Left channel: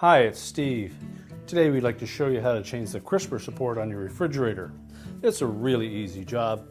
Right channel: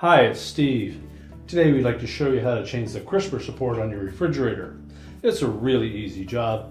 Hi, it's Steve. Today we'd like to show you how to change the crisper support on your refrigerator. It's a really easy job.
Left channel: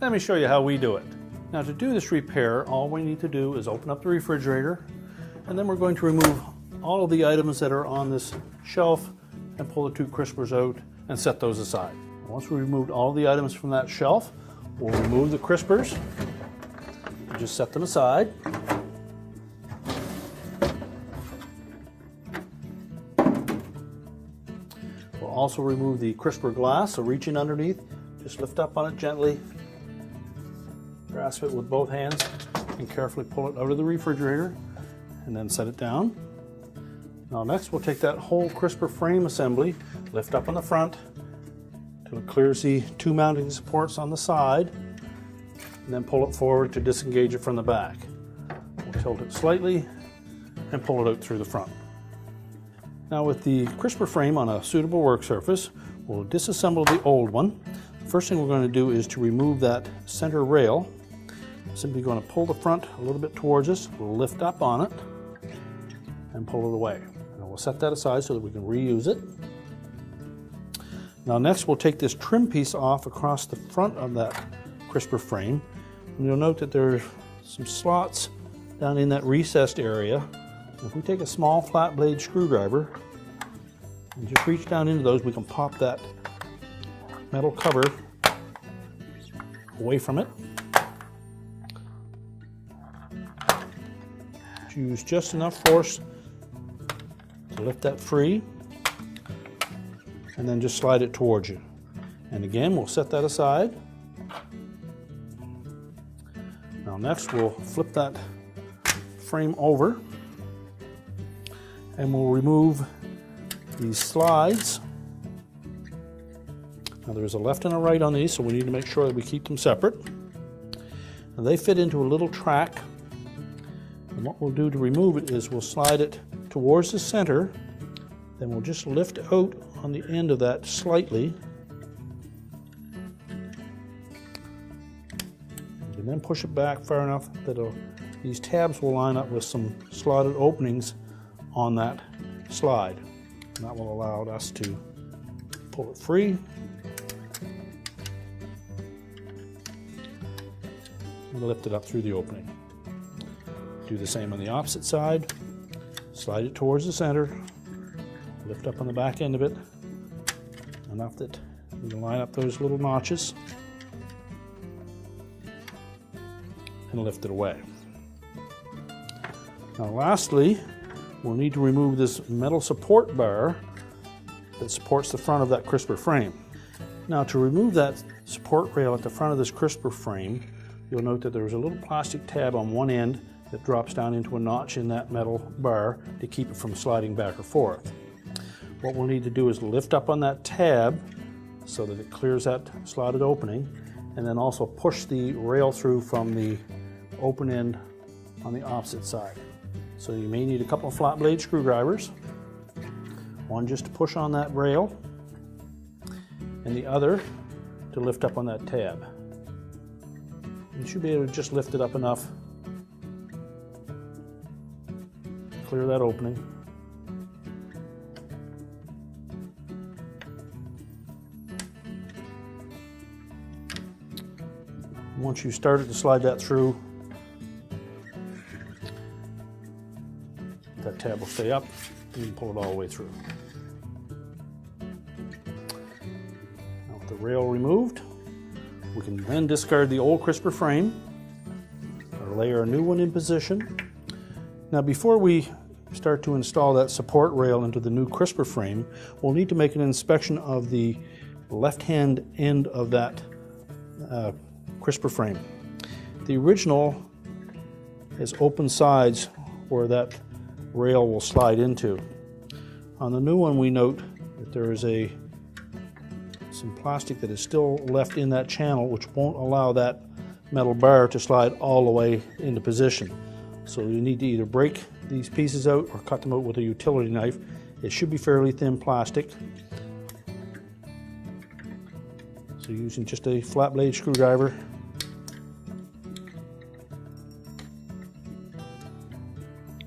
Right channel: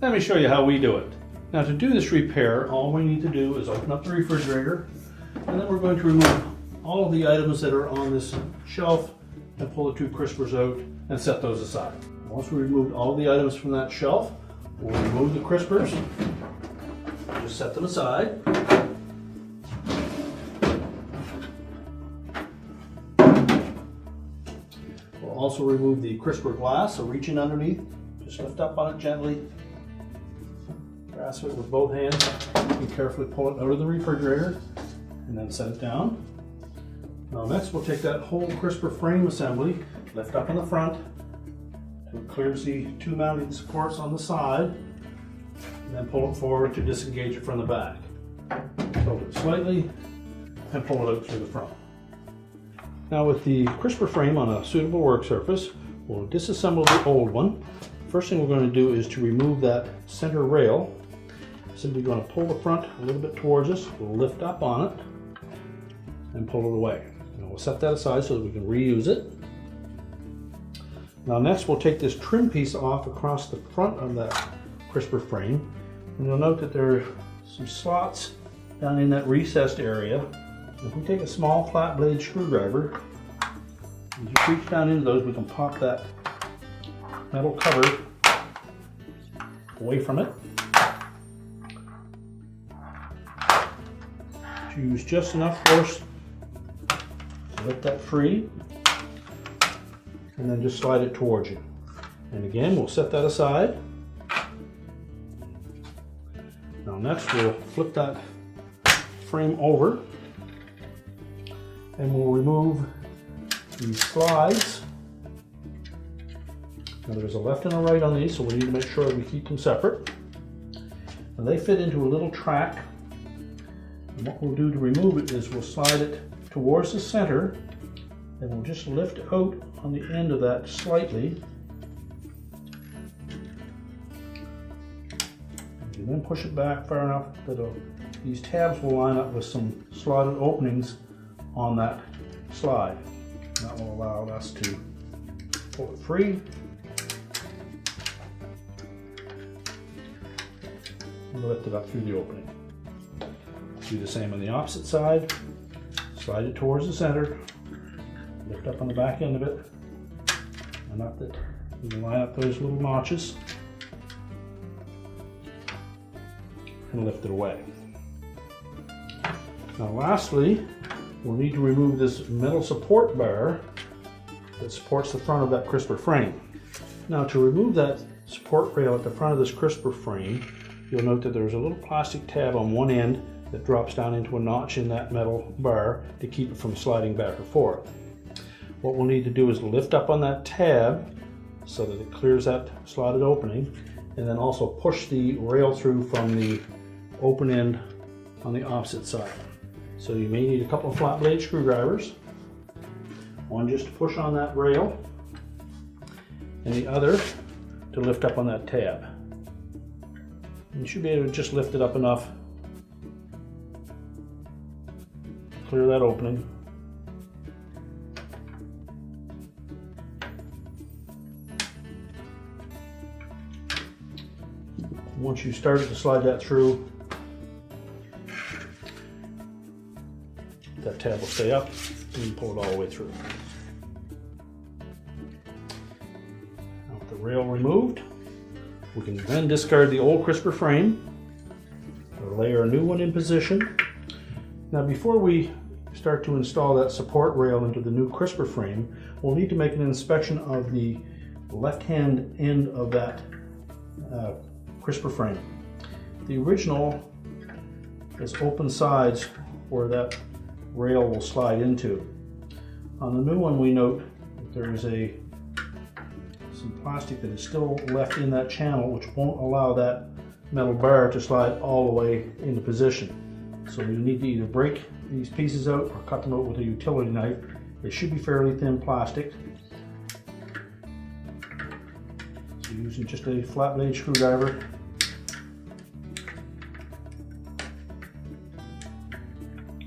Let me show you how we do it. Now to do this repair, all we need to do is open up the refrigerator, and then we're going to remove all of the items that are on this shelf and pull the two crispers out and set those aside. Once we've removed all the items from that shelf, we'll remove the crispers, just set them aside. Also remove the crisper glass, so reach in underneath, just lift up on it gently, grasp it with both hands, and carefully pull it out of the refrigerator, and then set it down. Now next we'll take that whole crisper frame assembly, lift up on the front, till it clears the two mounting supports on the side, and then pull it forward to disengage it from the back. Tilt it slightly, and pull it out through the front. Now with the crisper frame on a suitable work surface, we'll disassemble the old one. First thing we're going to do is to remove that center rail. Simply going to pull the front a little bit towards us, we'll lift up on it and pull it away. And we'll set that aside so that we can reuse it. Now next we'll take this trim piece off across the front of that crisper frame. And you'll note that there are some slots down in that recessed area. If we take a small flat blade screwdriver and just reach down into those, we can pop that metal cover away from it. Use just enough force to lift that free, and then just slide it towards you. And again, we'll set that aside. Now next we'll flip that frame over, and we'll remove these slides. Now there's a left and a right on these, so we need to make sure that we keep them separate. And they fit into a little track. And what we'll do to remove it is we'll slide it towards the center, then we'll just lift out on the end of that slightly, and then push it back far enough that these tabs will line up with some slotted openings on that slide. And that will allow us to pull it free and lift it up through the opening. Do the same on the opposite side. Slide it towards the center, lift up on the back end of it enough that you can line up those little notches and lift it away. Now lastly, we'll need to remove this metal support bar that supports the front of that crisper frame. Now to remove that support rail at the front of this crisper frame, you'll note that there's a little plastic tab on one end that drops down into a notch in that metal bar to keep it from sliding back or forth. What we'll need to do is lift up on that tab so that it clears that slotted opening, and then also push the rail through from the open end on the opposite side. So you may need a couple of flat blade screwdrivers, one just to push on that rail, and the other to lift up on that tab. You should be able to just lift it up enough to clear that opening. Once you've started to slide that through, that tab will stay up and you pull it all the way through. Now with the rail removed, we can then discard the old crisper frame or layer a new one in position. Now before we start to install that support rail into the new crisper frame, we'll need to make an inspection of the left-hand end of that crisper frame. The original has open sides where that rail will slide into. On the new one, we note that there is some plastic that is still left in that channel, which won't allow that metal bar to slide all the way into position. So you need to either break these pieces out or cut them out with a utility knife. It should be fairly thin plastic. So using just a flat blade screwdriver,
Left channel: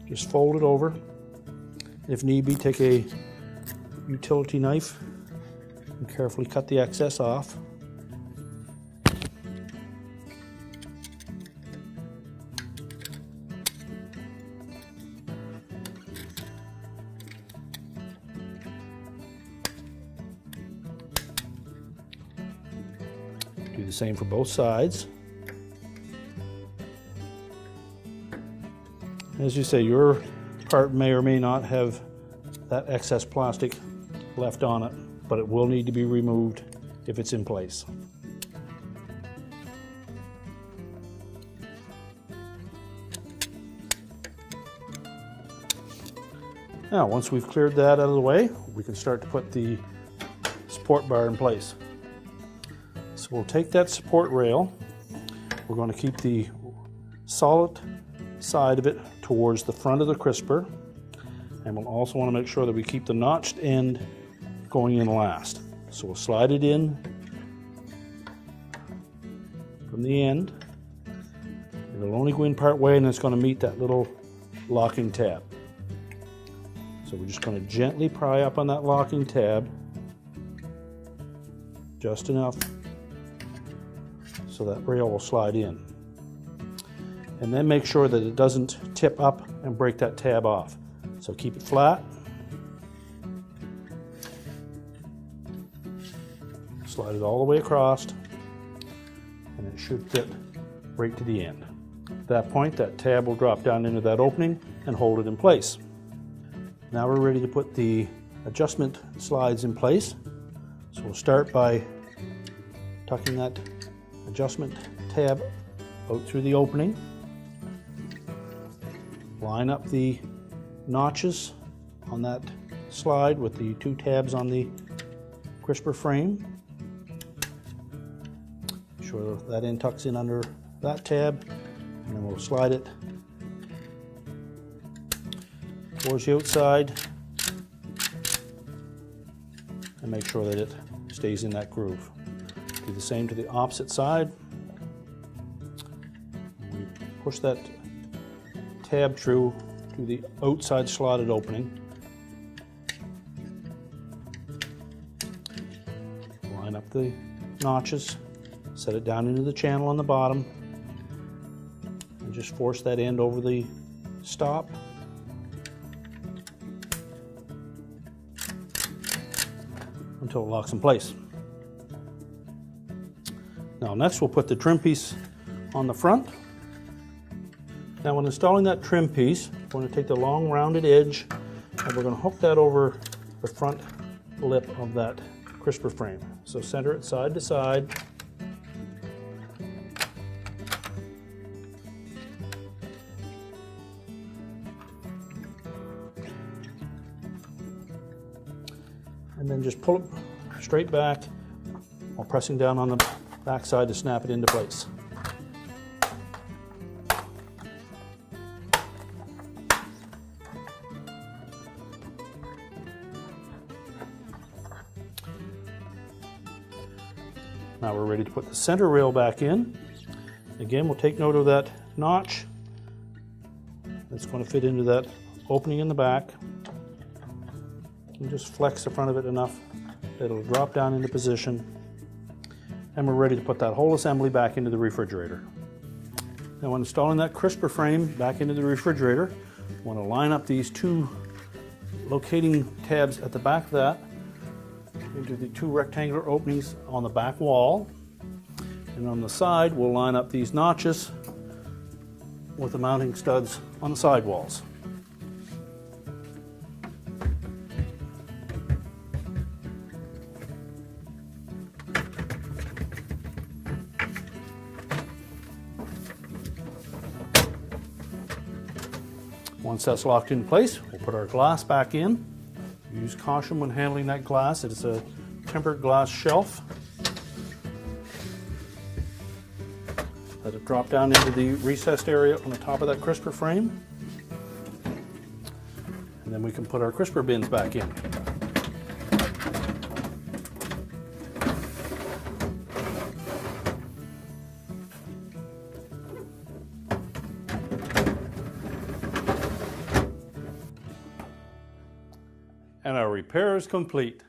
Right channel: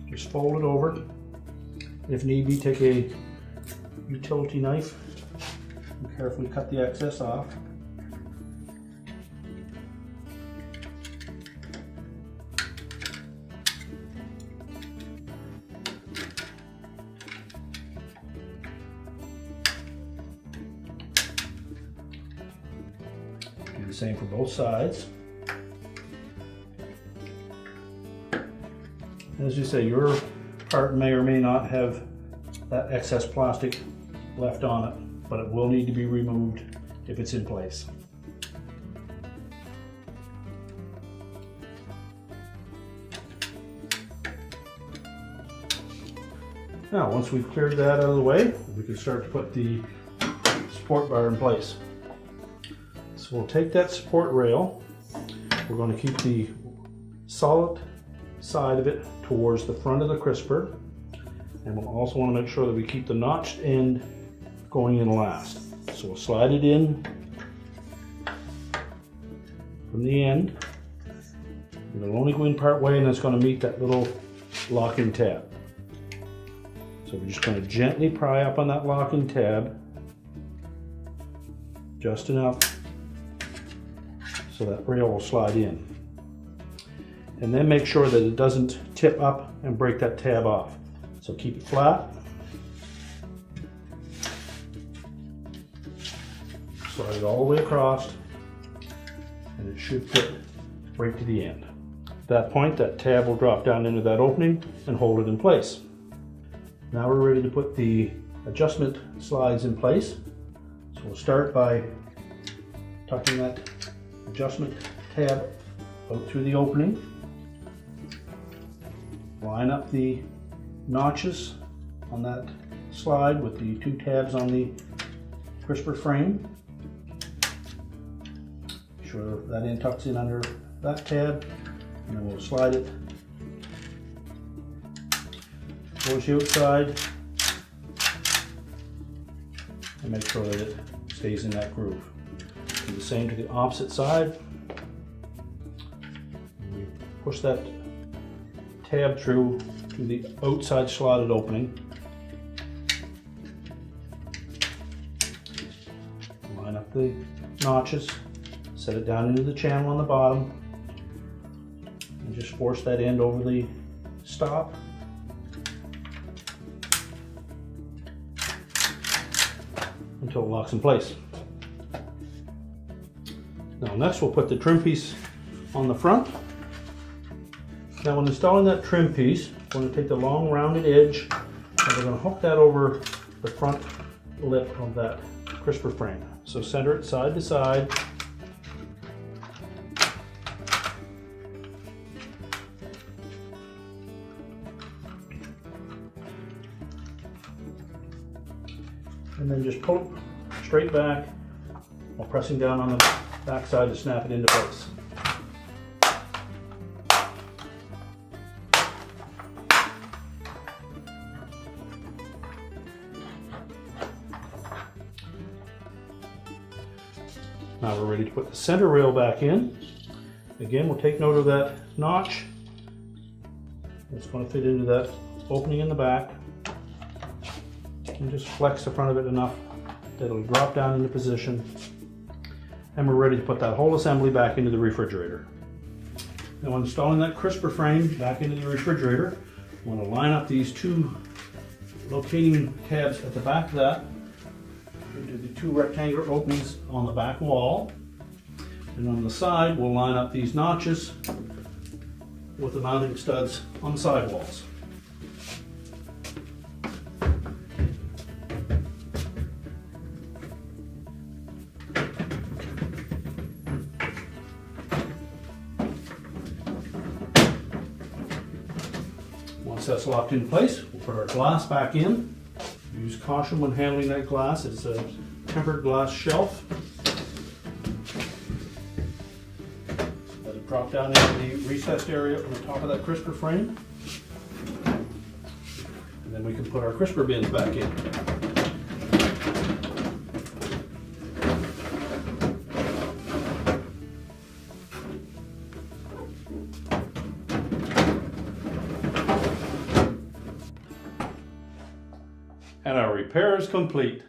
just fold it over If need be, take a utility knife and carefully cut the excess off. Do the same for both sides. As you say, your part may or may not have that excess plastic left on it, but it will need to be removed if it's in place. Now, once we've cleared that out of the way, we can start to put the support bar in place. So we'll take that support rail. We're going to keep the solid side of it towards the front of the crisper, and we'll also want to make sure that we keep the notched end going in last. So we'll slide it in from the end, and it'll only go in part way, and it's going to meet that little locking tab. So we're just going to gently pry up on that locking tab, just enough so that rail will slide in. And then make sure that it doesn't tip up and break that tab off. So keep it flat. Slide it all the way across, and it should fit right to the end. At that point, that tab will drop down into that opening and hold it in place. Now we're ready to put the adjustment slides in place. So we'll start by tucking that adjustment tab out through the opening. Line up the notches on that slide with the two tabs on the crisper frame. Make sure that end tucks in under that tab, and then we'll slide it towards the outside and make sure that it stays in that groove. Do the same to the opposite side. We push that tab through to the outside slotted opening. Line up the notches, set it down into the channel on the bottom, and just force that end over the stop. Until it locks in place. Now next we'll put the trim piece on the front. Now when installing that trim piece, we're going to take the long rounded edge and we're going to hook that over the front lip of that crisper frame. So center it side to side. And then just pull it straight back while pressing down on the back side to snap it into place. Now we're ready to put the center rail back in. Again, we'll take note of that notch. It's going to fit into that opening in the back. And just flex the front of it enough that it'll drop down into position. And we're ready to put that whole assembly back into the refrigerator. Now when installing that crisper frame back into the refrigerator, I want to line up these two locating tabs at the back of that into the two rectangular openings on the back wall. And on the side, we'll line up these notches with the mounting studs on the side walls. Once that's locked in place, we'll put our glass back in. Use caution when handling that glass. It's a tempered glass shelf. Let it drop down into the recessed area on the top of that crisper frame. And then we can put our crisper bins back in. And our repair is complete.